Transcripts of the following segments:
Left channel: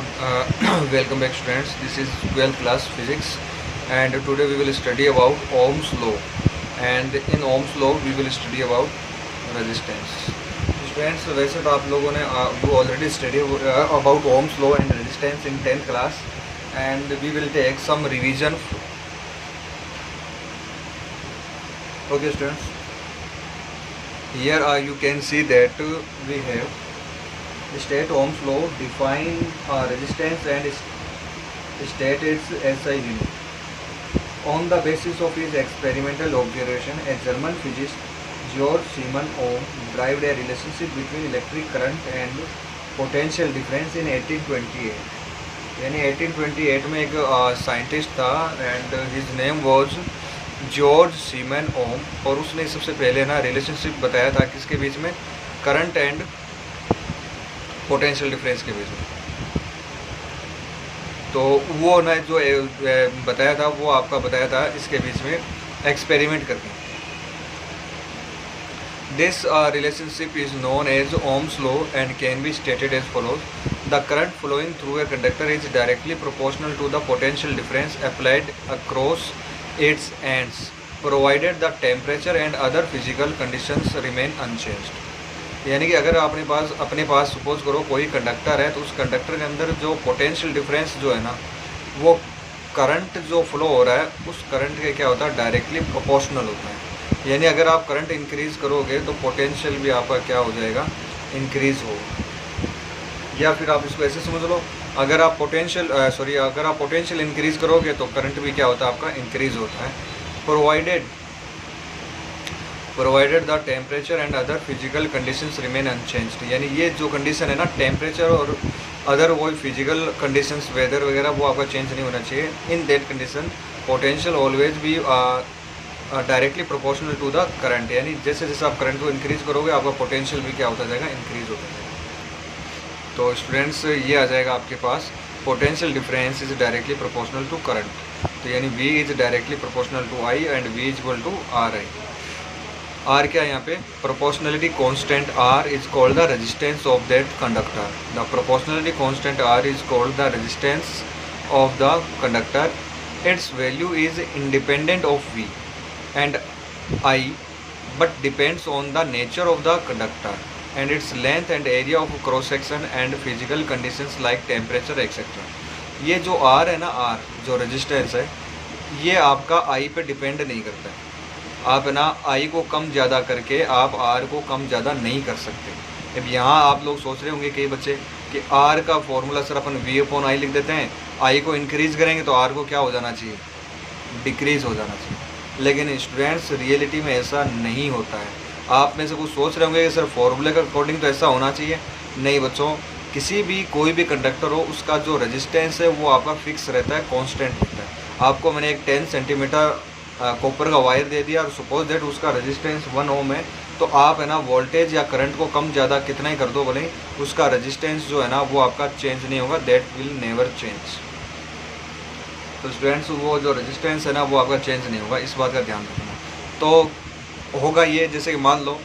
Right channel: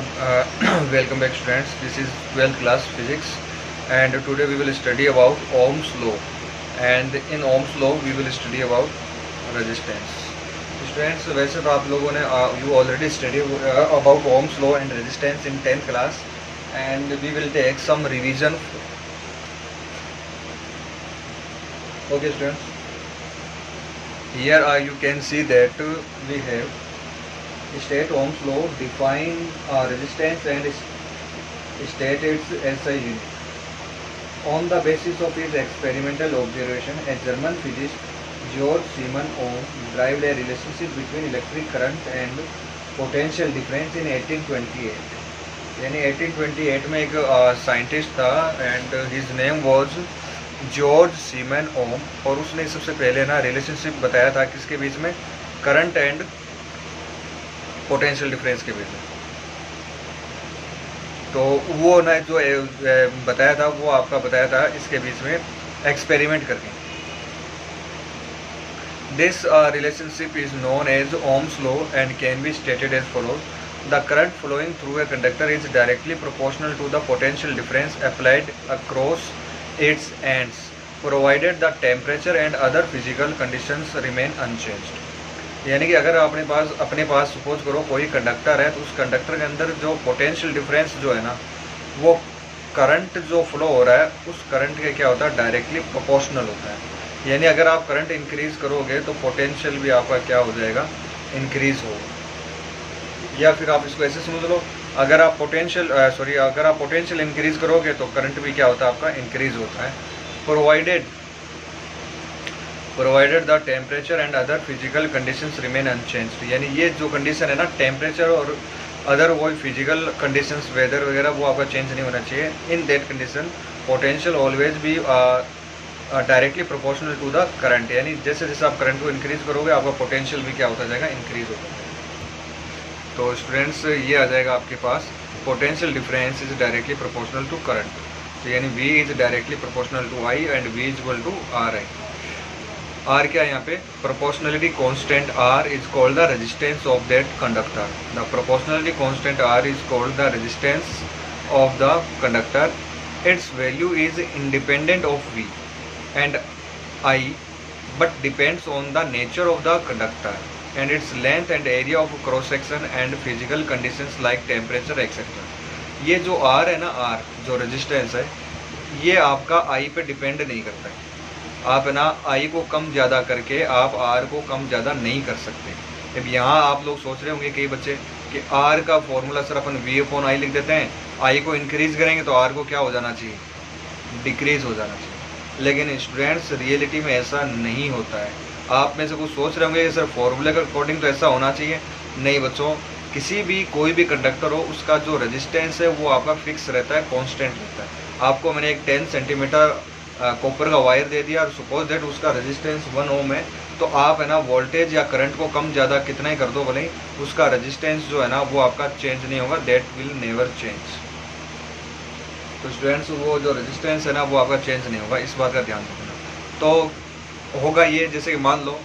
Good, welcome back students. This is 12th class physics and today we will study about Ohm's law, and in Ohm's law we will study about resistance. Students, वैसे तो आप लोगों ने you already study about Ohm's law and resistance in 10th class, and we will take some revision. Okay students, here you can see that we have state Ohm's law, define resistance and state its SI unit. On the basis of his experimental observation, a German physicist, Georg Siemens Ohm, derived a relationship between electric current and potential difference in 1828. यानी 1828 में एक scientist था and his name was George Simon Ohm, और उसने सबसे पहले ना relationship बताया था किसके बीच में, करंट एंड पोटेंशियल डिफरेंस के बीच में। तो वो ना जो बताया था वो आपका बताया था इसके बीच में एक्सपेरिमेंट करके। This relationship is known as Ohm's law and can be stated as follows: the current flowing through a conductor is directly proportional to the potential difference applied across its ends provided the temperature and other physical conditions remain unchanged. यानी कि अगर अपने पास suppose करो कोई conductor है, तो उस conductor के अंदर जो पोटेंशियल डिफरेंस जो है ना, वो करंट जो फ्लो हो रहा है उस करंट के क्या होता है, डायरेक्टली प्रोपोर्शनल होता है। यानी अगर आप करंट इंक्रीज करोगे तो पोटेंशियल भी आपका क्या हो जाएगा, इंक्रीज होगा। या फिर आप इसको ऐसे समझ लो, अगर आप पोटेंशियल इंक्रीज करोगे तो करंट भी क्या होता है, आपका इंक्रीज होता है। Provided the temperature and other physical conditions remain unchanged. यानी ये जो कंडीशन है ना, टेम्परेचर और अदर वो फिजिकल कंडीशंस, वेदर वगैरह, वो आपका चेंज नहीं होना चाहिए। In that condition potential always भी directly proportional to the current. यानी जैसे जैसे आप करंट को इंक्रीज करोगे आपका पोटेंशियल भी क्या होता जाएगा, इंक्रीज होता जाएगा। तो स्टूडेंट्स ये आ जाएगा आपके पास, potential difference is directly proportional to current. तो यानी V is directly proportional to I and V is equal to R है। R क्या है यहाँ पे, proportionality constant R is called the resistance of that conductor. The proportionality constant R is called the resistance of the conductor. Its value is independent of V and I but depends on the nature of the conductor and its length and area of cross section and physical conditions like temperature etc. ये जो R है ना, R जो resistance है, ये आपका I पे depend नहीं करता है। आप है ना I को कम ज़्यादा करके आप R को कम ज़्यादा नहीं कर सकते। अब यहाँ आप लोग सोच रहे होंगे कई बच्चे कि R का फॉर्मूला सर अपन V/I लिख देते हैं, I को इंक्रीज़ करेंगे तो R को क्या हो जाना चाहिए, डिक्रीज़ हो जाना चाहिए। लेकिन स्टूडेंट्स रियलिटी में ऐसा नहीं होता है। आप में से कुछ सोच रहे होंगे कि सर फॉर्मूले के अकॉर्डिंग तो ऐसा होना चाहिए। नहीं बच्चों, किसी भी कोई भी कंडक्टर हो उसका जो रेजिस्टेंस है वो आपका फिक्स रहता है, कांस्टेंट रहता है। आपको मैंने एक 10 सेंटीमीटर कॉपर का वायर दे दिया और सपोज दैट उसका रेजिस्टेंस 1 ओम है, तो आप है ना वोल्टेज या करंट को कम ज़्यादा कितना ही कर दो भले, उसका रेजिस्टेंस जो है ना वो आपका चेंज नहीं होगा, दैट विल नेवर चेंज। तो स्टूडेंट्स वो जो रेजिस्टेंस है ना वो आपका चेंज नहीं होगा, इस बात का ध्यान रखना। तो होगा ये, जैसे कि मान लो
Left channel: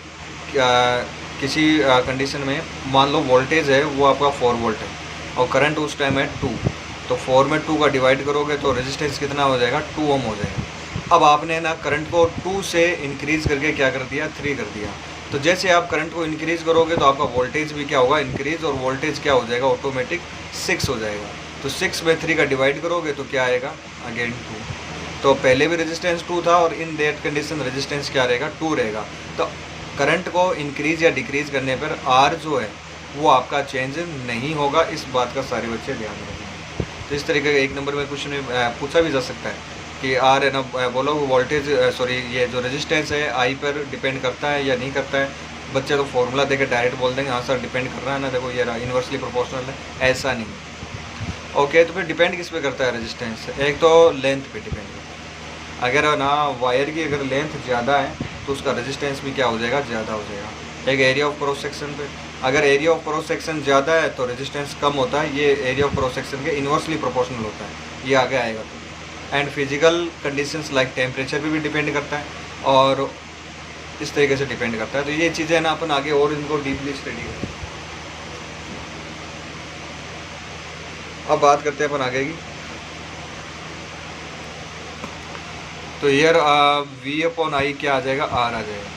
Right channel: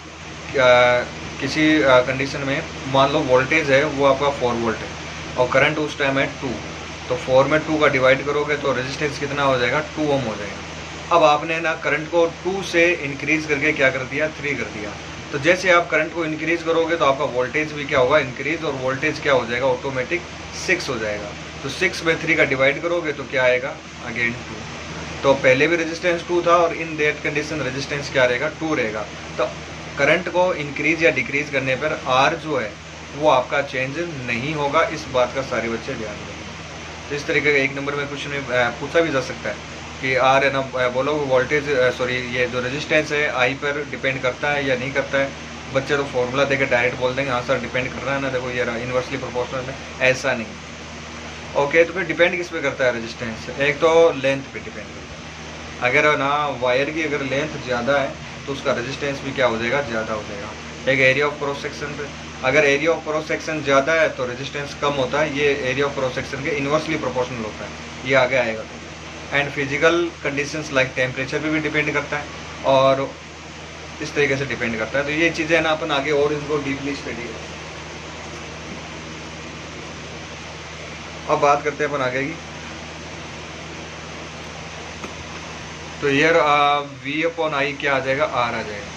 किसी कंडीशन में मान लो वोल्टेज है वो आपका 4 वोल्ट है और करंट उस टाइम है 2, तो 4 में 2 का डिवाइड करोगे तो रेजिस्टेंस कितना हो जाएगा, 2 ओम हो जाएगा। अब आपने ना करंट को 2 से इंक्रीज़ करके क्या कर दिया, 3 कर दिया। तो जैसे आप करंट को इंक्रीज़ करोगे तो आपका वोल्टेज भी क्या होगा, इंक्रीज़, और वोल्टेज क्या हो जाएगा, ऑटोमेटिक 6 हो जाएगा। तो 6 में 3 का डिवाइड करोगे तो क्या आएगा, अगेन 2। तो पहले भी रेजिस्टेंस 2 था और इन दैट कंडीशन रेजिस्टेंस क्या रहेगा, 2 रहेगा। तो करंट को इंक्रीज़ या डिक्रीज़ करने पर R जो है वो आपका चेंज नहीं होगा, इस बात का सारे बच्चे ध्यान रखेंगे। तो इस तरीके का 1 नंबर में क्वेश्चन में पूछा भी जा सकता है कि R है ना, बोलो वोल्टेज ये जो रेजिस्टेंस है I पर डिपेंड करता है या नहीं करता है। बच्चे तो फॉर्मूला देके डायरेक्ट बोल देंगे हाँ सर डिपेंड कर रहा है ना, देखो ये रहा इन्वर्सली प्रोपोर्शनल है, ऐसा नहीं। ओके, तो फिर डिपेंड किस पे करता है रेजिस्टेंस, एक तो लेंथ पे डिपेंड करता है। अगर ना वायर की अगर लेंथ ज़्यादा है तो उसका रेजिस्टेंस भी क्या हो जाएगा, ज़्यादा हो जाएगा। एक एरिया ऑफ क्रॉस सेक्शन पे, अगर एरिया ऑफ क्रॉस सेक्शन ज़्यादा है तो रेजिस्टेंस कम होता है, ये एरिया ऑफ क्रॉस सेक्शन के इन्वर्सली प्रोपोर्शनल होता है, ये आगे आएगा। तो and physical conditions like temperature पे भी डिपेंड करता है और इस तरीके से डिपेंड करता है। तो ये चीज़ें ना अपन आगे और इनको डीपली स्टडी करें। अब बात करते हैं अपन आगे की। तो ईयर वी अपॉन आई क्या आ जाएगा, आर आ जाएगा।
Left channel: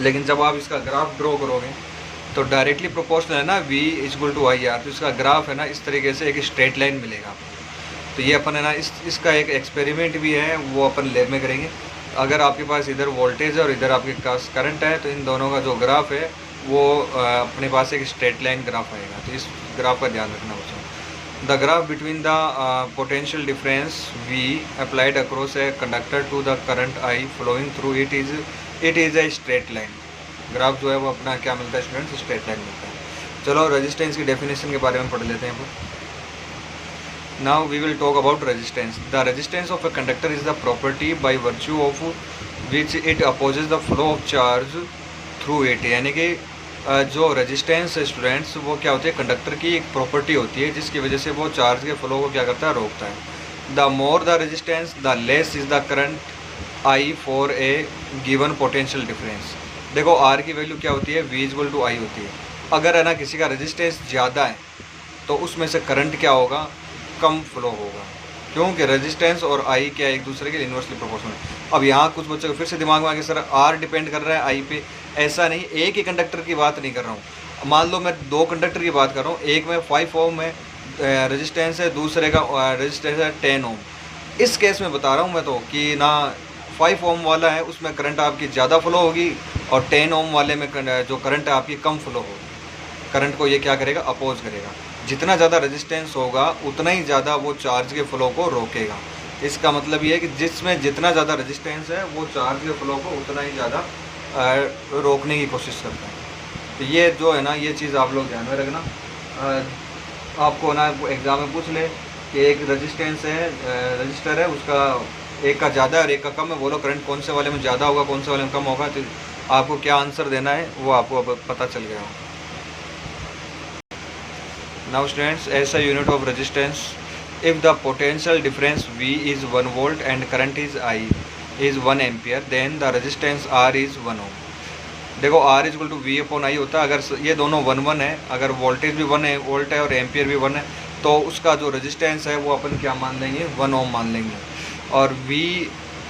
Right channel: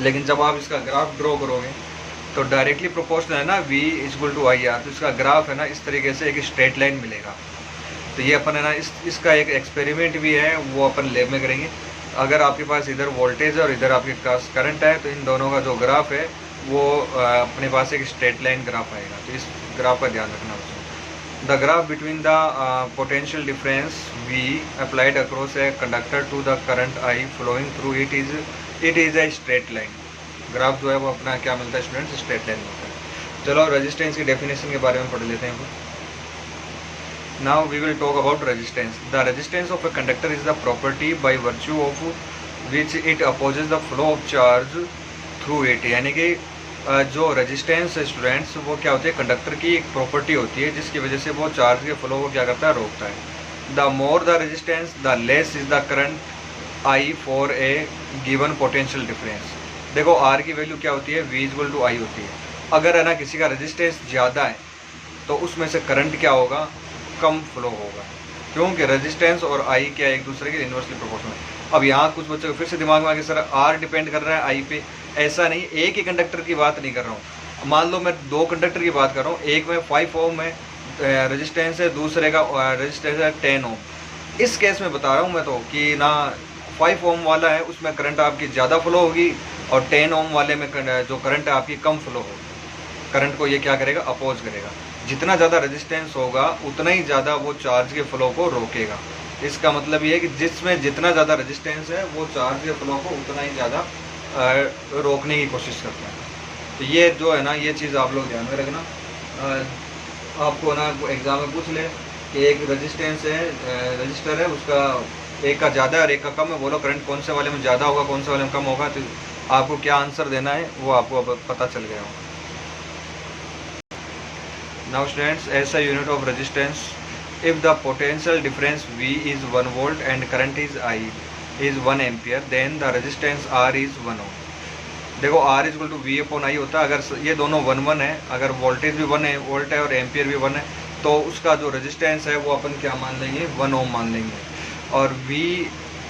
लेकिन जब आप इसका ग्राफ ड्रॉ करोगे तो डायरेक्टली प्रोपोर्शनल है ना v equal to I R, तो इसका ग्राफ है ना इस तरीके से एक स्ट्रेट लाइन मिलेगा। तो ये अपन है ना इसका एक एक्सपेरिमेंट भी है, वो अपन लैब में करेंगे। अगर आपके पास इधर वोल्टेज है और इधर आपके पास करंट है, तो इन दोनों का जो ग्राफ है वो अपने पास एक स्ट्रेट लाइन ग्राफ आएगा। तो इस ग्राफ का ध्यान रखना बच्चों। The graph between the potential difference v applied across a conductor to the current I flowing through it is a straight line. Graph जो है वो अपना क्या मिलता है स्टूडेंट्स, स्ट्रेट लाइन मिलता है। चलो रेजिस्टेंस की डेफिनेशन के बारे में पढ़ लेते हैं। Now we will talk about resistance. The resistance of a conductor is the property by virtue of which it opposes the flow of charge through it. यानी कि जो रेजिस्टेंस है स्टूडेंट्स, वो क्या होती है, कंडक्टर की एक प्रॉपर्टी होती है जिसकी वजह से वो चार्ज के फ्लो को क्या करता है, रोकता है। The more the resistance the less is the current I for a given potential difference. देखो R की वैल्यू क्या होती है, V इक्वल टू आई होती है। अगर है ना किसी का रेजिस्टेंस ज़्यादा है तो उसमें से करंट क्या होगा, कम फ्लो होगा, क्योंकि रेजिस्टेंस और I क्या एक दूसरे के इन्वर्सली प्रोपोर्शनल। अब यहाँ कुछ बच्चों को फिर से दिमाग में आ गया सर R डिपेंड कर रहा है I पे। ऐसा नहीं, एक ही कंडक्टर की बात नहीं कर रहा हूँ। मान लो मैं दो कंडक्टर की बात कर रहा हूँ, एक में 5 ओम है रेजिस्टेंस है, दूसरे का रेजिस्टेंस है 10 ओम। इस केस में बता रहा हूँ मैं तो कि ना 5 ओम वाला है उसमें करंट आपकी ज़्यादा फ्लो होगी और 10 ओम वाले में जो करंट है आपकी कम फ्लो होगी। करंट को ये क्या करेगा, अपोज करेगा। जितना ज़्यादा रेजिस्टेंस होगा उतना ही ज़्यादा वो चार्ज के फ्लो को रोकेगा। इसका मतलब ये है कि जिसमें जितना ज़्यादा रेजिस्टेंस है वो चार्ज के फ्लो को उतना ही ज़्यादा रोकने की कोशिश करता है। तो ये जो है ना, ये चीज़ आप लोग ध्यान में रखना। आपको ना एग्ज़ाम में पूछ ले कि एक रेजिस्टेंस है, रजिस्टर है, उसका एक का ज़्यादा है और एक का कम है, बोलो करंट कौन से वाले में ज़्यादा होगा कौन से वाले में कम होगा। तो आपको क्या आंसर देना है वो आपको अब पता चल गया होगा। Now students, as a unit of resistance, if the potential difference V is 1 volt and current is I is 1 ampere, then the resistance R is 1 ohm. देखो R equal to V upon I होता है। अगर ये दोनों 1 है, अगर voltage भी 1 है, वोल्ट है और एम्पियर भी 1 है, तो उसका जो रेजिस्टेंस है वो अपन क्या मान लेंगे, 1 ओम मान लेंगे। और V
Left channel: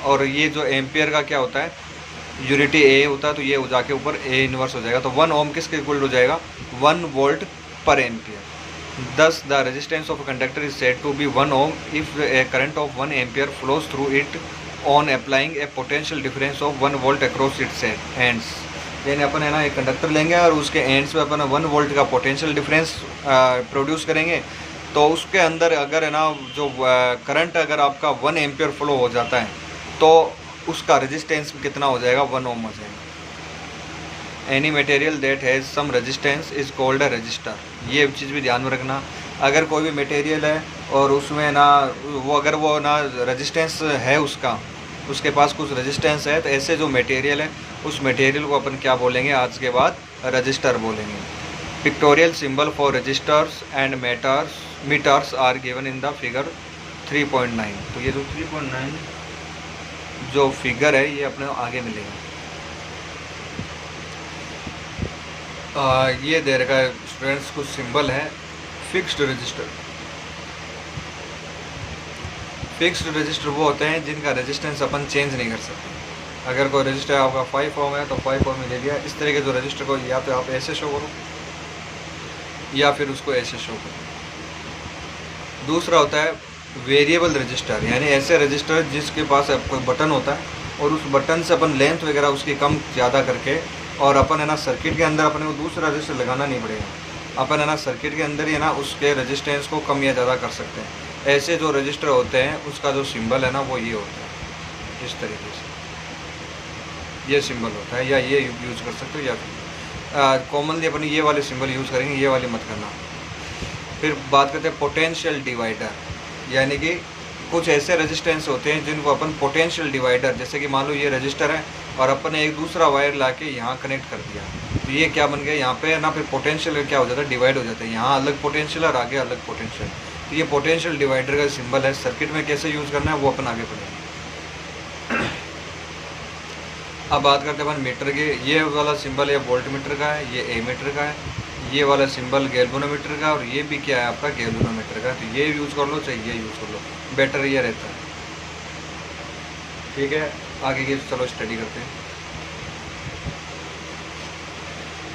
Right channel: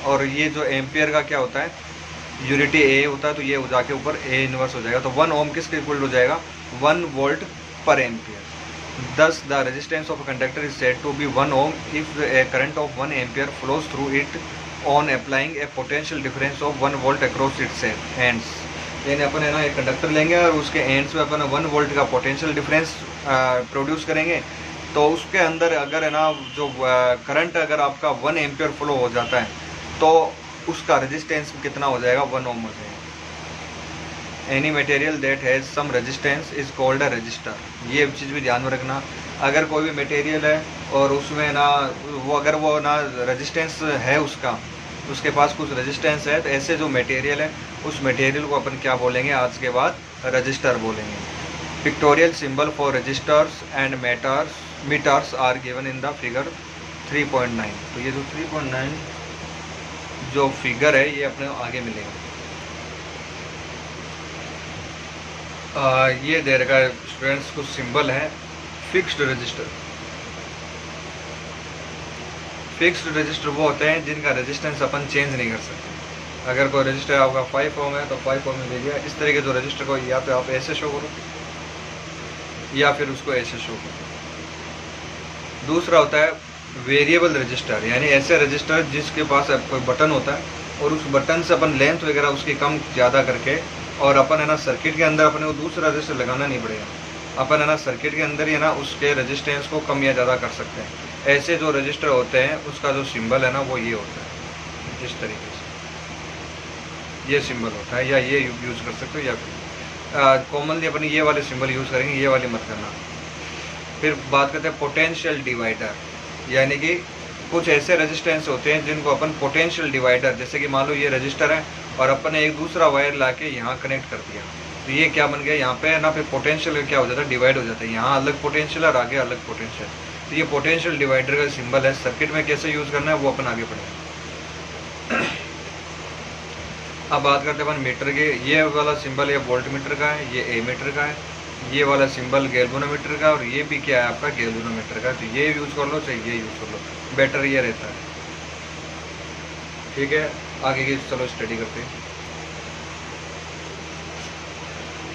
और ये जो एम्पियर का क्या होता है, यूनिटी A होता है, तो ये जाके ऊपर A इनवर्स हो जाएगा। तो 1 ओम किसके इक्वल हो जाएगा, 1 वोल्ट पर ampere. Thus the resistance of a conductor is said to be 1 ohm if a current of 1 ampere flows through it on applying a potential difference of 1 volt across its ends। यानी अपन है ना एक conductor लेंगे और उसके ends पे अपन 1 volt का potential difference produce करेंगे। तो उसके अंदर अगर है ना जो करंट अगर आपका 1 एम्पियर फ्लो हो जाता है तो उसका रेजिस्टेंस कितना हो जाएगा, 1 ओम हो जाएगा। Any material that has some resistance is called a resistor. ये चीज़ भी ध्यान में रखना। अगर कोई भी मटेरियल है और उसमें ना वो अगर वो ना रेजिस्टेंस है उसके पास कुछ रेजिस्टेंस है, तो ऐसे जो मटेरियल है उस मटेरियल को अपन क्या बोलेंगे आज के बाद, रजिस्टर बोलेंगे। Pictorial symbol for resistors and meters are given in the figure 3.9। तो ये जो 3.9 जो फिगर है ये अपने आगे मिलेगा। ये दे रखा है स्टूडेंट्स, कुछ सिंबल है फिक्स्ड रजिस्टर। फिक्स्ड रजिस्टर वो होते हैं जिनका रेजिस्टेंस अपन चेंज नहीं कर सकते। अगर कोई रजिस्टर आपका 5 ओम है तो 5 ओम में दे दिया। इस तरह के जो रजिस्टर को या तो आप ऐसे शो करो या फिर उसको ऐसे शो करो। दूसरा होता है वेरिएबल रजिस्टर, यानी ऐसे रजिस्टर जिसके पास कोई बटन होता है और उस बटन से अपन लेंथ वगैरह उसकी कम ज़्यादा करके, और अपन है ना सर्किट के अंदर अपने को दूसरा रजिस्टर लगाना नहीं पड़ेगा, अपन है ना सर्किट के अंदर ही है ना उसके रेजिस्टेंस को कम या ज़्यादा कर सकते हैं। ऐसे जो रजिस्टर होते हैं उसका जो सिंबल है ना वो ये होता है, इस तरीके से ये सिंबल होता है, या ये यूज़ कर सकते हो या फिर कॉमनली अपन ये वाले सिंबल यूज़ करेंगे, ये वाले मत करना। फिर बात करते हैं पोटेंशियल डिवाइडर, यानी कि कुछ ऐसे रेजिस्टेंस होते हैं जिनको अपन पोटेंशियल डिवाइडर, जैसे कि मान लो ये रजिस्टर है और अपन ने एक दूसरा वायर लाके यहाँ कनेक्ट कर दिया, तो ये क्या बन गया, यहाँ पे ना फिर पोटेंशियल क्या हो जाता है, डिवाइड हो जाता है। यहाँ अलग पोटेंशियल और आगे अलग पोटेंशियल। तो ये पोटेंशियल डिवाइडर का सिंबल है। सर्किट में कैसे यूज़ करना है वो अपन आगे पढ़ेंगे। अब बात करते हैं अपन मीटर के। ये वाला सिंबल ये वोल्ट मीटर का है, ये ए मीटर का है, ये वाला सिंबल गैल्वेनोमीटर का, और ये भी क्या है आपका गैल्वेनोमीटर का। तो ये यूज़ कर लो चाहे ये यूज़ कर लो, बेटर ये रहता है। ठीक है, आगे की चलो स्टडी करते हैं।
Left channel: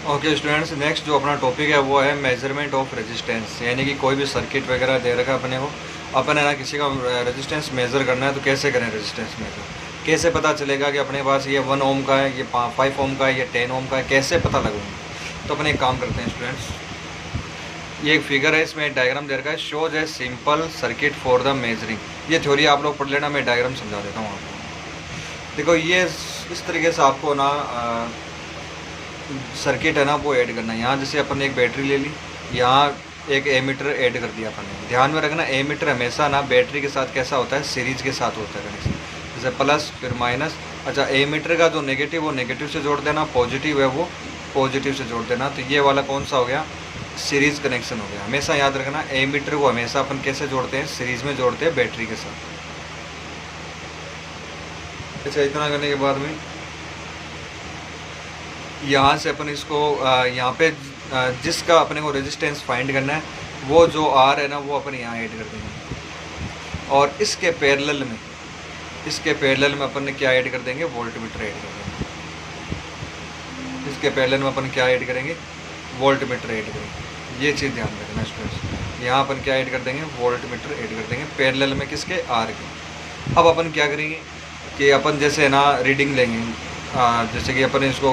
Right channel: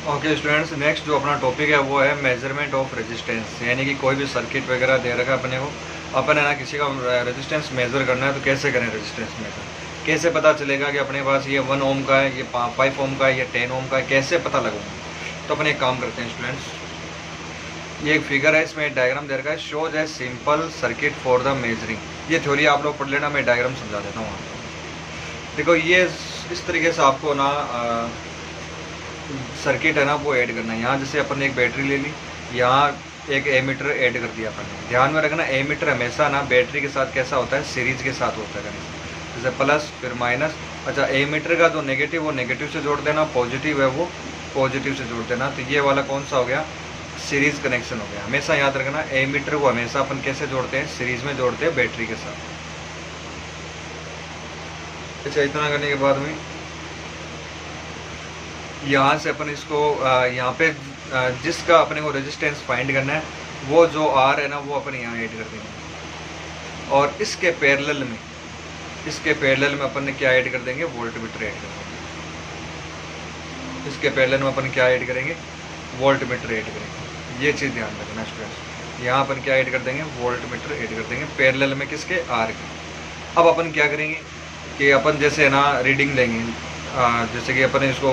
ओके स्टूडेंट्स, नेक्स्ट जो अपना टॉपिक है वो है मेजरमेंट ऑफ रेजिस्टेंस। यानी कि कोई भी सर्किट वगैरह दे रखा है अपने को, अपन है ना किसी का रेजिस्टेंस मेज़र करना है, तो कैसे करें रेजिस्टेंस मेज़र, कैसे पता चलेगा कि अपने पास ये 1 ओम का है, ये 5 ओम का है, ये 10 ओम का है, कैसे पता लगेगा। तो अपन एक काम करते हैं स्टूडेंट्स, ये एक फिगर है, इसमें एक डायग्राम दे रखा है, शोज है simple circuit for the measuring. ये थ्योरी आप लोग पढ़ लेना, मैं डायग्राम समझा देता हूँ आपको। देखो ये इस तरीके से आपको ना सर्किट है ना वो ऐड करना है। यहाँ जैसे अपन ने एक बैटरी ले ली, यहाँ एक एमीटर ऐड कर दिया अपन ने। ध्यान में रखना एमीटर हमेशा ना बैटरी के साथ कैसा होता है, सीरीज के साथ होता है हमेशा, जैसे प्लस फिर माइनस। अच्छा, एमीटर का जो नेगेटिव वो नेगेटिव से जोड़ देना, पॉजिटिव है वो पॉजिटिव से जोड़ देना। तो ये वाला कौन सा हो गया, सीरीज कनेक्शन हो गया। हमेशा याद रखना एमीटर को हमेशा अपन कैसे जोड़ते हैं, सीरीज में जोड़ते हैं बैटरी के साथ। अच्छा, इतना करने के बाद में यहाँ से अपन इसको यहाँ पे जिसका अपने को रेजिस्टेंस फाइंड करना है, वो जो आर है ना वो अपन यहाँ ऐड कर देंगे। और इसके पैरेलल में अपन ने क्या ऐड कर देंगे, वोल्टमीटर ऐड कर देंगे। इसके पैरेलल में अपन क्या ऐड करेंगे, वोल्टमीटर ऐड करेंगे। ये चीज़ ध्यान रखना स्टूडेंट्स, यहाँ अपन क्या ऐड कर देंगे, वोल्टमीटर ऐड कर देंगे पैरेलल में किसके, आर के। अब अपन क्या करेंगे कि अपन जैसे ना रीडिंग लेंगे, जैसे कि अपन इसको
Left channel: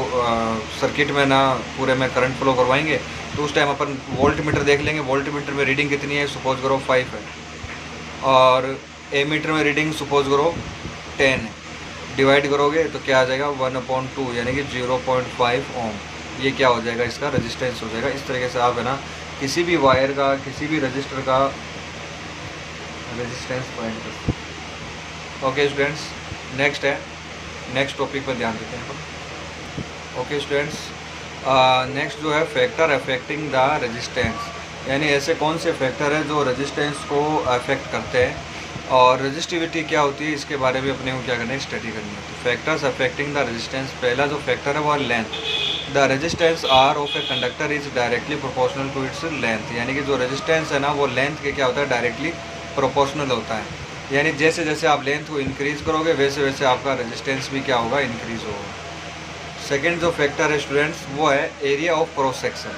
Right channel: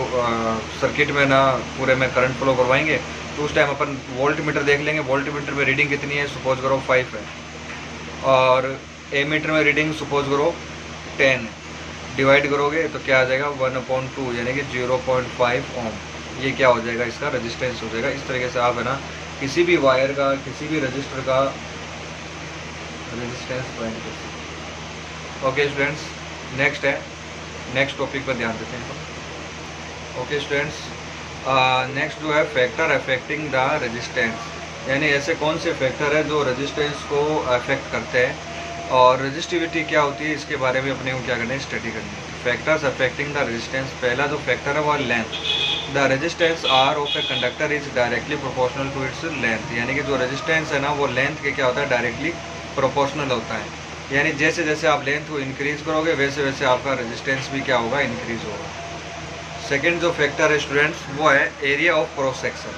सर्किट में ना पूरे में करंट फ्लो करवाएंगे, तो उस टाइम अपन वोल्टमीटर देख लेंगे, वोल्टमीटर में रीडिंग कितनी है, सपोज करो 5 है, और एमीटर में रीडिंग सपोज करो 10 है। डिवाइड करोगे तो क्या आ जाएगा, 1/2 यानी कि 0.5 ओम। ये क्या हो जाएगा, इसका रेजिस्टेंस हो जाएगा। इस तरीके से आप है ना किसी भी वायर का, किसी भी रजिस्टर का रेजिस्टेंस फाइंड करते। ओके स्टूडेंट्स, नेक्स्ट है, नेक्स्ट टॉपिक पर ध्यान देते हैं अपन। ओके स्टूडेंट्स, नेक्स्ट जो है फैक्टर अफेक्टिंग द रेजिस्टेंस। यानी ऐसे कौन से फैक्टर है जो रेजिस्टेंस को अफेक्ट करते हैं, और रेजिस्टिविटी क्या होती है इसके बारे में अपने को क्या करना है, स्टडी करनी है। फैक्टर्स अफेक्टिंग द रेजिस्टेंस, पहला जो फैक्टर है वो length. The resistance R of a conductor is directly proportional to its length. यानी कि जो रेजिस्टेंस है ना वो लेंथ के क्या होता है, डायरेक्टली प्रोपोर्शनल होता है। यानी जैसे जैसे आप लेंथ को इंक्रीज करोगे वैसे वैसे आपका रेजिस्टेंस भी क्या होगा, इंक्रीज होगा। सेकेंड जो फैक्टर है स्टूडेंट्स वो है area of cross section.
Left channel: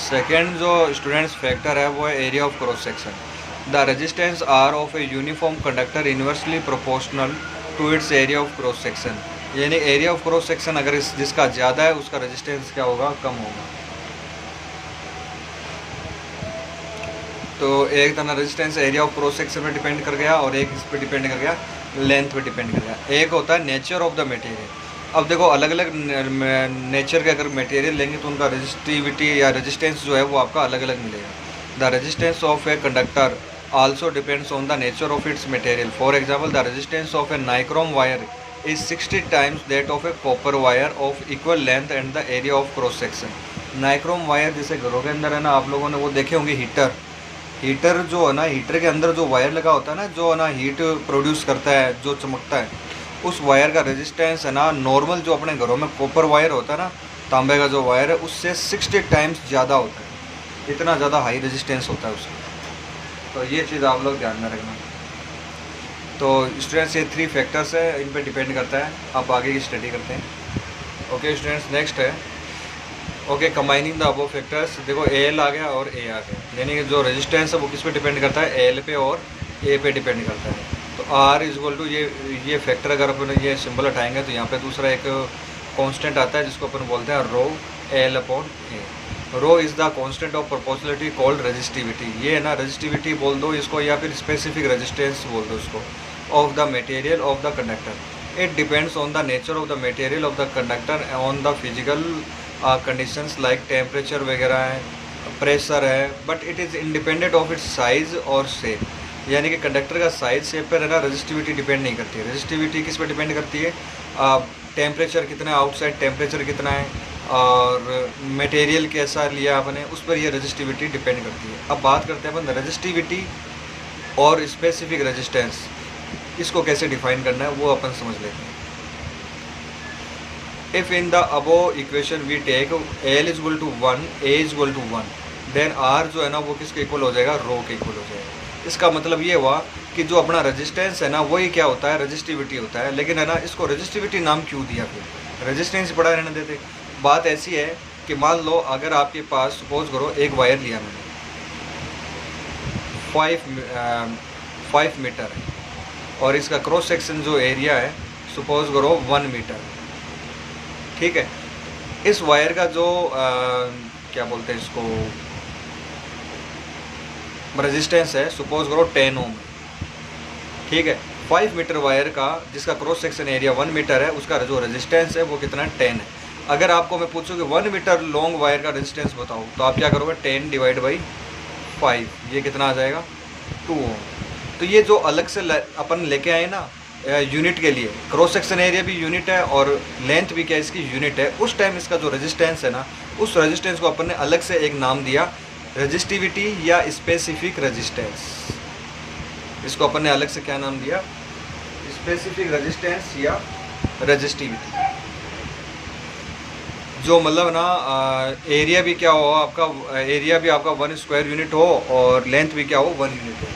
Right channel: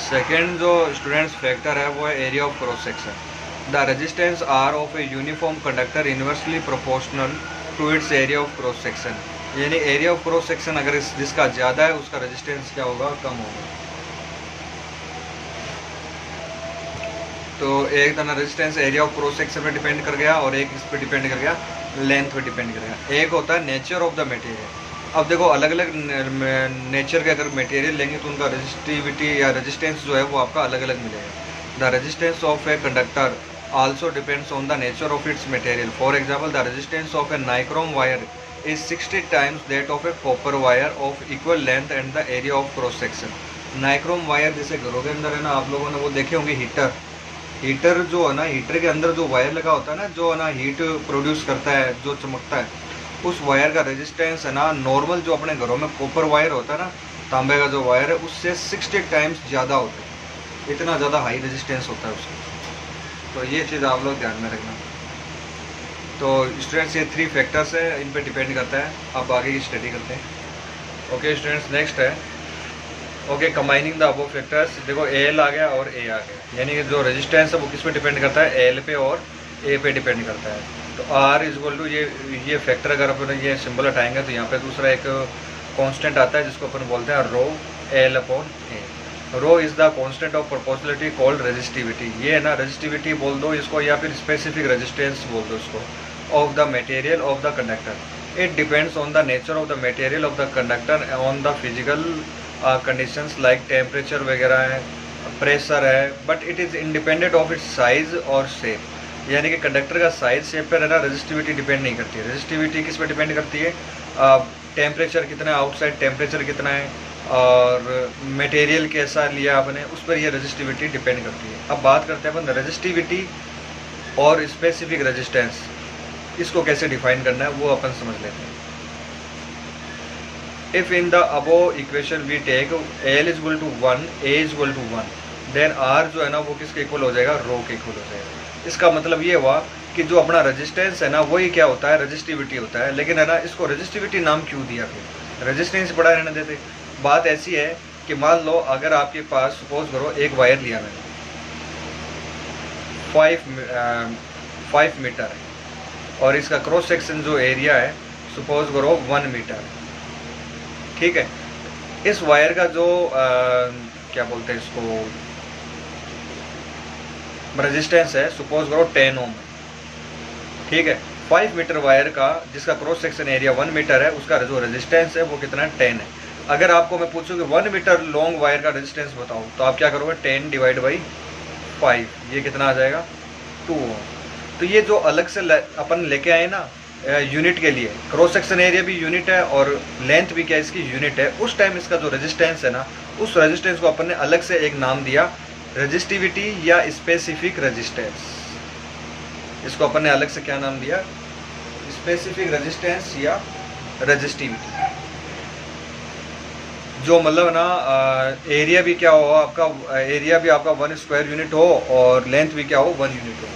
Second जो स्टूडेंट्स फैक्टर है वो है area of cross section. The resistance R of a uniform conductor inversely proportional to its area of cross section. यानी एरिया ऑफ क्रॉस सेक्शन अगर जिसका ज़्यादा है उसका रेजिस्टेंस क्या होगा, कम होगा। तो एक तरह resistance area of cross section पर डिपेंड कर गया, और एक इस पर डिपेंड कर गया, लेंथ पर डिपेंड कर गया। एक होता है नेचर ऑफ द मटेरियल। अब देखो अलग अलग नेचर के अगर मटेरियल लेंगे तो उनका रेजिस्टिविटी या रेजिस्टेंस जो है वो आपका अलग अलग मिलेगा। The resistance of a conductor also depends on the nature of its material. For example, the resistance of a nichrome wire is 60 times that of a copper wire of equal length and the area of cross section. Nichrome wire जैसे घरों के अंदर है ना, आप लोगों ने वो देखे होंगे हीटर जो है ना, हीटर के अंदर जो वायर लगा होता है ना, जो है ना हीट प्रोड्यूस करता है, जो चमकता है, उस वायर का रेजिस्टेंस है ना नॉर्मल जो अपने घरों में कॉपर वायर होता है ना, तांबे का जो वायर है, उससे 60 टाइम्स ज़्यादा होता है। इतना ज़्यादा हाई रेजिस्टेंस होता है उसका। तो ये चीज़ आप लोग ध्यान में रखना। तो स्टूडेंट्स ये 3 फैक्टर्स है, इन पे डिपेंड करता है। आप आगे की स्टडी करते हैं। ओके स्टूडेंट्स, नेक्स्ट है okay combining the above factors. देखो एल आ गया और ए आ गया, यानी कि जो रेजिस्टेंस है वो किस पे डिपेंड करता है, एल पे और ए पे डिपेंड करता है। तो आर इज इक्वल टू ये फैक्टर अगर अपन ये सिंबल हटाएंगे तो यहाँ पे दूसरा एक कांस्टेंट आता है जिसको अपन बोलते हैं rho L upon A. Rho is the constant of proportionality called resistivity. ये है ना रेजिस्टिविटी बोल दो इसको, या फिर स्पेसिफिक रेजिस्टेंस बोल दो इसको, of the material of the conductor. It depends on the nature of the material of the conductor, on the physical conditions like temperature वगैरह है, प्रेशर है, but it is independent of its size और shape. यानी कि conductor का size shape पर है ना रेजिस्टिविटी डिपेंड नहीं करती है। रेजिस्टिविटी किस पर डिपेंड करती है, टेम्परेचर कितना है, आउटसाइड टेम्परेचर कितना है, और मटेरियल कैसा लिया आपने, उस पर ये रेजिस्टिविटी डिपेंड करती है। अब बात करते हैं अपन रेजिस्टिविटी और स्पेसिफिक रेजिस्टेंस, इसको कैसे डिफाइन करना है वो अपन समझ लेते हैं। If in the above equation we take L is equal to 1, A is equal to 1, then R जो है ना वो किसके इक्वल हो जाएगा, रो के इक्वल हो जाएगा। इसका मतलब ये हुआ कि जो अपना रेजिस्टेंस है ना वही क्या होता है, रेजिस्टिविटी होता है। लेकिन है ना इसको रेजिस्टिविटी नाम क्यों दिया, फिर रेजिस्टेंस पड़ा रहने देते। बात ऐसी है कि मान लो अगर आपके पास सपोज करो एक वायर लिया मैंने 5 मीटर और इसका क्रॉस सेक्शन जो एरिया है सपोज करो 1 मीटर, ठीक है। इस वायर का जो क्या बोलते हैं इसको, रेजिस्टेंस है सपोज करो 10 ओम, ठीक है। 5 मीटर वायर का जिसका क्रॉस सेक्शन एरिया 1 मीटर है उसका जो रेजिस्टेंस है वो कितना है, 10 है। अगर आपको मैं पूछूं कि 1 मीटर लॉन्ग वायर का रेजिस्टेंस बताओ तो आप क्या करोगे, 10 डिवाइड बाई 5, ये कितना आ जाएगा, 2 ओम। तो ये जो अलग से अपन लेके आए ना यूनिट के लिए, क्रॉस सेक्शन एरिया भी यूनिट है और लेंथ भी क्या इसकी यूनिट है, उस टाइम इसका जो रेजिस्टेंस है ना उस रेजिस्टेंस को अपन ने अलग से एक नाम दिया, रेजिस्टिविटी या स्पेसिफिक रेजिस्टेंस। इसको अपन ने अलग से क्या नाम दिया, स्पेसिफिक रेजिस्टेंस या रेजिस्टिविटी। जो मतलब ना एरिया भी क्या हो आपका, एरिया भी आपका 1 स्क्वायर यूनिट हो और लेंथ भी क्या हो 1 यूनिट हो।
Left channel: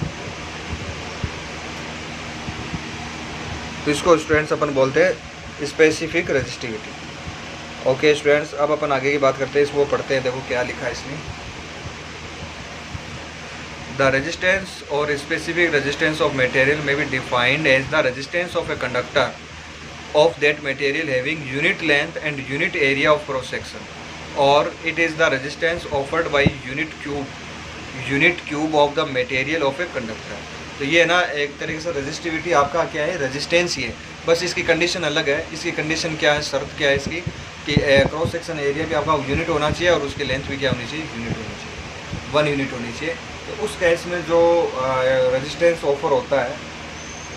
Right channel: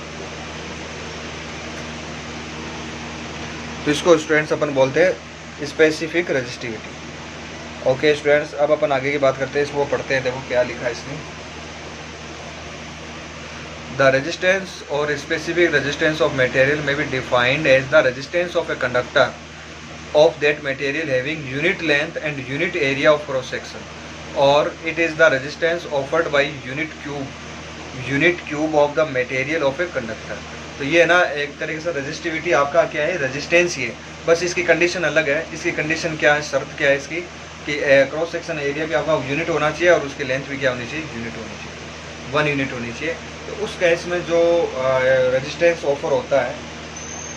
तो इसको स्टूडेंट्स अपन बोलते हैं स्पेसिफिक रेजिस्टिविटी। ओके स्टूडेंट्स, अब अपन आगे की बात करते हैं, इसको पढ़ते हैं। देखो क्या लिखा है इसमें, द रेजिस्टेंस और स्पेसिफिक रेजिस्टेंस ऑफ मटेरियल में be defined as the resistance of a conductor of that material having unit length and unit area of cross section, or it is the resistance offered by unit cube of the material of a conductor। तो ये ना एक तरीके से resistivity आपका क्या है, resistance ही है, बस इसकी कंडीशन अलग है। इसकी कंडीशन क्या है, शर्त क्या है इसकी कि क्रॉस सेक्शन एरिया भी आपका यूनिट होना चाहिए और उसकी लेंथ भी क्या होनी चाहिए, यूनिट होनी चाहिए, 1 यूनिट होनी चाहिए। तो उस केस में जो रेजिस्टेंस ऑफर होता है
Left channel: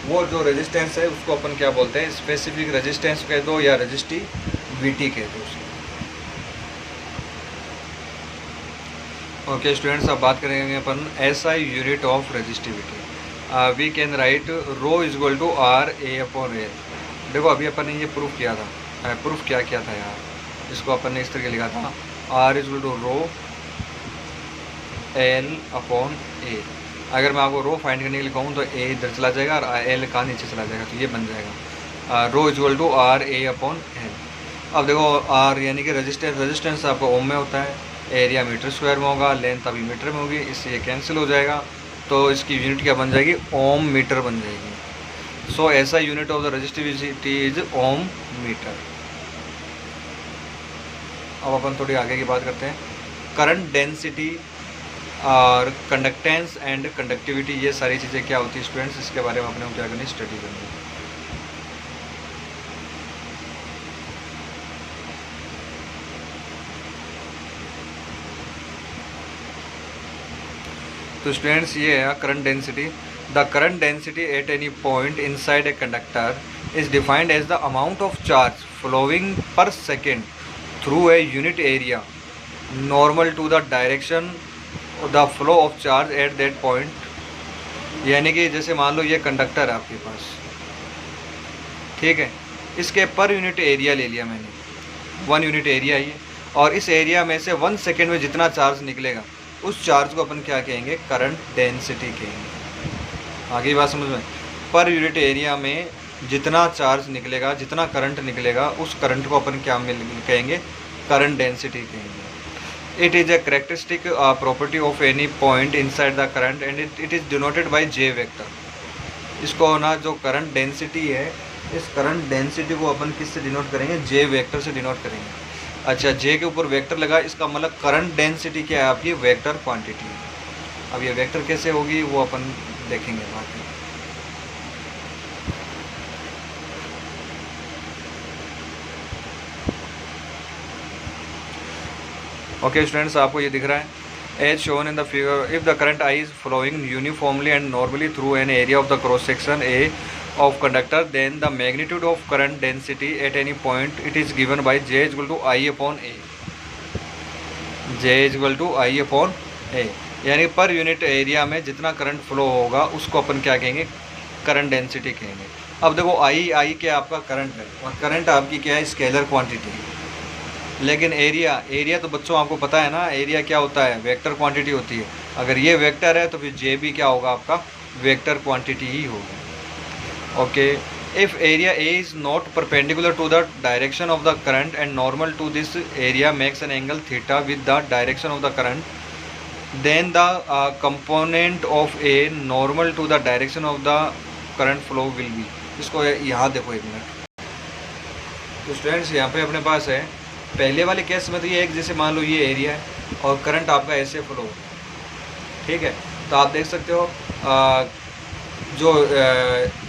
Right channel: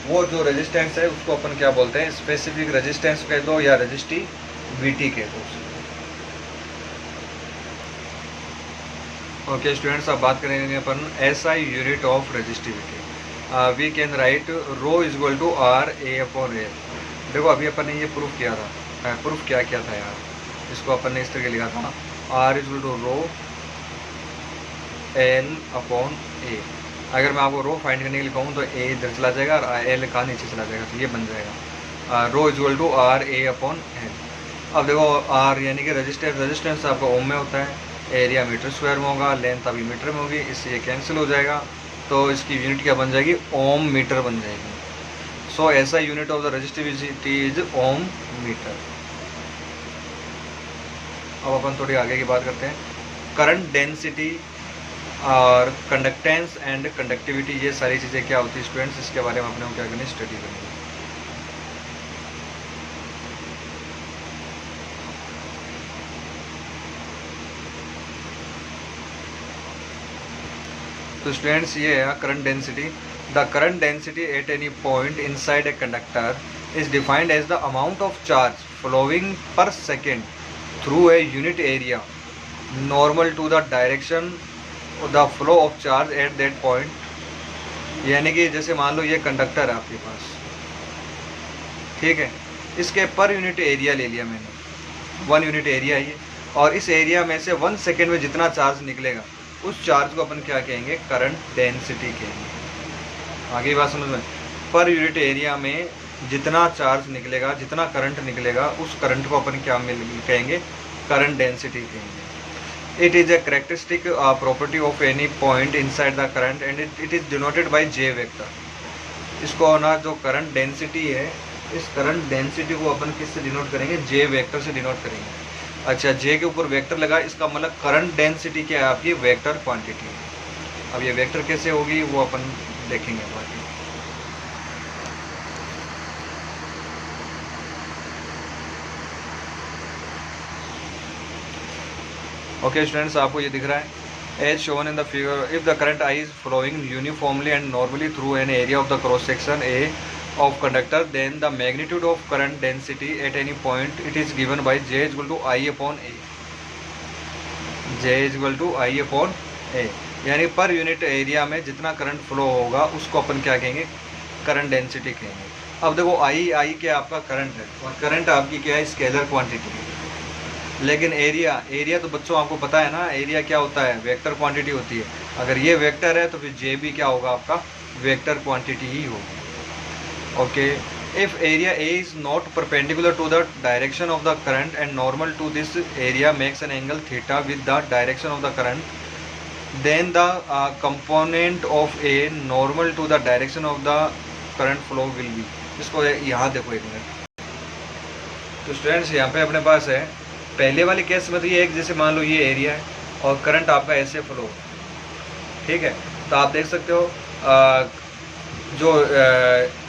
वो जो रेजिस्टेंस है उसको अपन क्या बोलते हैं, स्पेसिफिक रेजिस्टेंस कह दो या रेजिस्टिविटी कह दो। ओके स्टूडेंट्स, अब बात करेंगे अपन SI unit of resistivity. We can write rho is equal to R A upon A. देखो अभी अपन ने ये प्रूफ किया था, प्रूफ क्या किया था यार, इसको अपन ने इस तरह लिखा था, R is equal to rho L upon A. अगर मैं आपको रो फाइंड करने के लिए कहूँ तो ए इधर चला जाएगा और एल का नीचे चला जाएगा, तो ये बन जाएगा rho equal to R A upon L. अब देखो आर यानी कि रेजिस्टेंस आपका ओम में होता है, एरिया मीटर स्क्वायर में होगा, लेंथ अभी मीटर में होगी, इससे कैंसिल हो जाएगा, तो इसकी यूनिट क्या बन जाएगी, ओम मीटर बन जाएगी। सो ऐसा unit of the resistivity is ohm meter. अब अपन थोड़ी आगे की बात करते हैं, करंट डेंसिटी और कंडक्टेंस एंड कंडक्टिविटी, ये सारी चीज़ें क्या होती है स्टूडेंट्स, इसके बारे में अपने को क्या करनी, स्टडी करनी है। तो स्टूडेंट्स ये है current density. The current density at any point inside a conductor is defined as the amount of charge flowing per second through a unit area normal to the direction the flow of charge at that point. यानी कि जैसे मान लो ये conductor है आपके पास, ठीक है, इसके पर यूनिट एरिया ले लिया मैंने, 1 यूनिट एरिया ये, और इस एरिया में से 1 सेकेंड में जितना चार्ज निकलेगा उस चार्ज को अपन क्या कहेंगे, करंट डेंसिटी कहेंगे। आगे बात समझ में, पर यूनिट एरिया में जितना चार्ज निकलेगा, जितना करंट निकलेगा, उस करंट को अपन क्या कहेंगे, करंट डेंसिटी कहेंगे। It is a characteristic property of any point inside the current and it is denoted by J vector। इसको ना जो करंट डेंसिटी है, इस करंट डेंसिटी को अपन किससे डिनोट करेंगे, J वेक्टर से डिनोट करेंगे। अच्छा, J के ऊपर वेक्टर लगा, इसका मतलब करंट डेंसिटी क्या है आपकी, वेक्टर क्वांटिटी। अब ये वेक्टर कैसे होगी वो अपन देखेंगे बाद में। ओके स्टूडेंट्स, आपको ये दिख रहा है as shown in the figure, if the current I is flowing uniformly and normally through an area of the cross section A of conductor, then the magnitude of current density at any point it is given by J is equal to I upon A. J is equal to I upon A, यानी पर unit area में जितना current flow होगा उसको अपन क्या कहेंगे, current density कहेंगे। अब देखो आई क्या आपका करंट है, और करंट आपकी क्या है, स्केलर क्वांटिटी है। लेकिन एरिया तो बच्चों आपको पता है ना, एरिया क्या होता है, वेक्टर क्वांटिटी होती है। अगर ये वेक्टर है तो फिर जे भी क्या होगा आपका, वेक्टर क्वांटिटी ही होगा। Okay, if area A is not perpendicular to the direction of the current and normal to this area makes an angle theta with the direction of the current, then the component of A normal to the direction of the current flow will be. इसको यहाँ देखो एक minute. तो students यहाँ पे अपने पास है, पहले वाले केस में तो ये एक, जैसे मान लो ये एरिया है और करंट आपका ऐसे फ्लो हो, ठीक है। तो आप देख सकते हो जो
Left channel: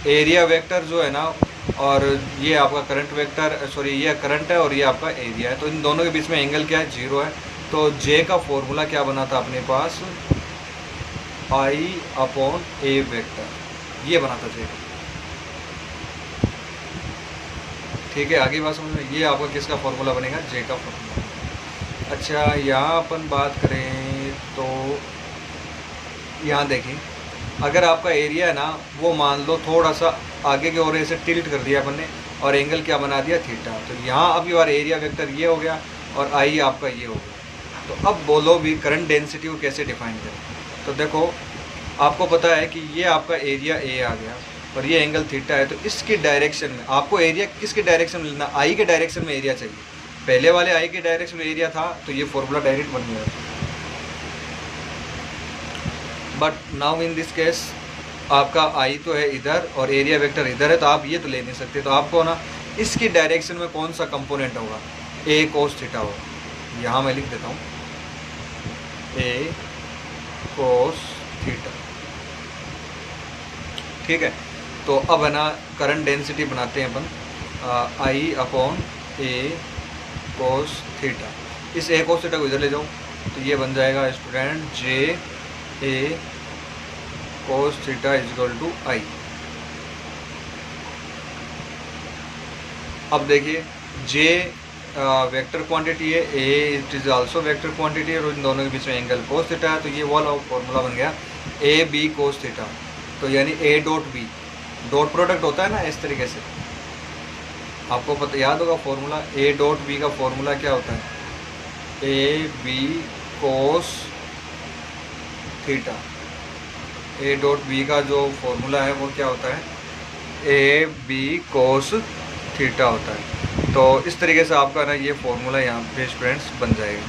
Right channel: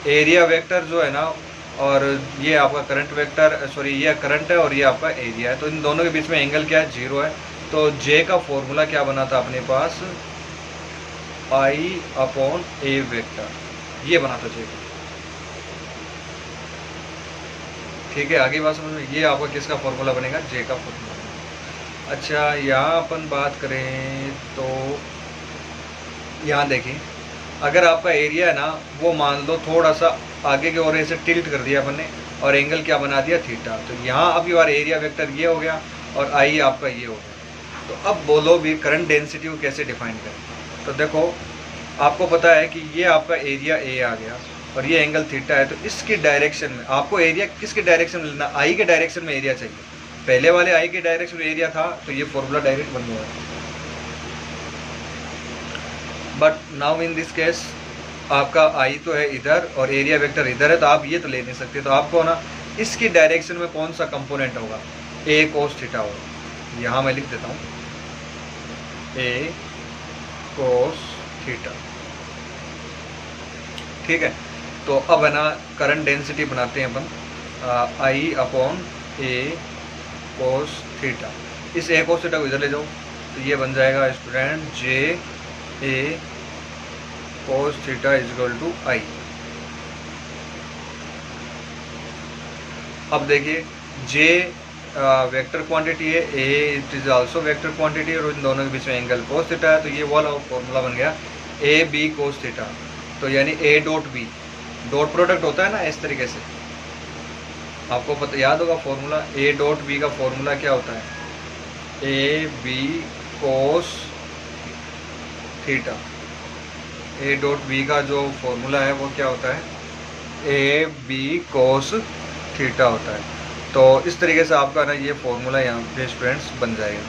एरिया वेक्टर जो है ना, और ये आपका करंट वेक्टर, सॉरी ये करंट है और ये आपका एरिया है, तो इन दोनों के बीच में एंगल क्या है, 0 है। तो जे का फॉर्मूला क्या बना था अपने पास, I/A वेक्टर, ये बना था जे। ठीक है, आगे बात समझ में, ये आपका किसका फॉर्मूला बनेगा, जे का फॉर्मूला। अच्छा, यहाँ अपन बात करें तो यहाँ देखें, अगर आपका एरिया है ना, वो मान लो थोड़ा सा आगे की ओर ऐसे टिल्ट कर दिया अपन ने, और एंगल क्या बना दिया, थीटा। तो यहाँ अब यार एरिया वेक्टर ये हो गया और आई आपका ये हो गया। तो अब बोलो भी करंट डेंसिटी को कैसे डिफाइन करें। तो देखो, आपको पता है कि ये आपका एरिया ए आ गया और ये एंगल थीटा है, तो इसकी डायरेक्शन में आपको एरिया किसके डायरेक्शन में लेना, आई के डायरेक्शन में एरिया चाहिए। पहले वाले आई के डायरेक्शन में एरिया था, तो ये फॉर्मूला डायरेक्ट बन गया। But now in this case आपका आई तो है इधर और एरिया वेक्टर इधर है, तो आप ये तो ले नहीं सकते। तो आपको ना इसकी डायरेक्शन में कौन सा कंपोनेंट होगा, ए कोस थीटा होगा। यहाँ मैं लिख देता हूँ, ए कोस थीटा। ठीक है, तो अब है ना करंट डेंसिटी बनाते हैं अपन, आई अपॉन ए कोस थीटा। इस ए कोस थीटा को इधर ले जाओ, तो ये बन जाएगा student J A cos theta is equal to I. अब देखिए, जे वेक्टर क्वांटिटी है, A it is also vector quantity, और इन दोनों के बीच में एंगल कोस थीटा है। तो ये वाला फॉर्मूला बन गया ए बी कोस थीटा। तो यानी A dot B, dot product होता है ना इस तरीके से, आपको पता याद होगा फॉर्मूला, ए डॉट बी का फॉर्मूला क्या होता है, A B cos theta. A dot B का जो फॉर्मूला है वो क्या होता है, ए बी कोस थीटा होता है। तो इस तरीके से आपका ना ये फॉर्मूला यहाँ पे स्टूडेंट्स बन जाएगा।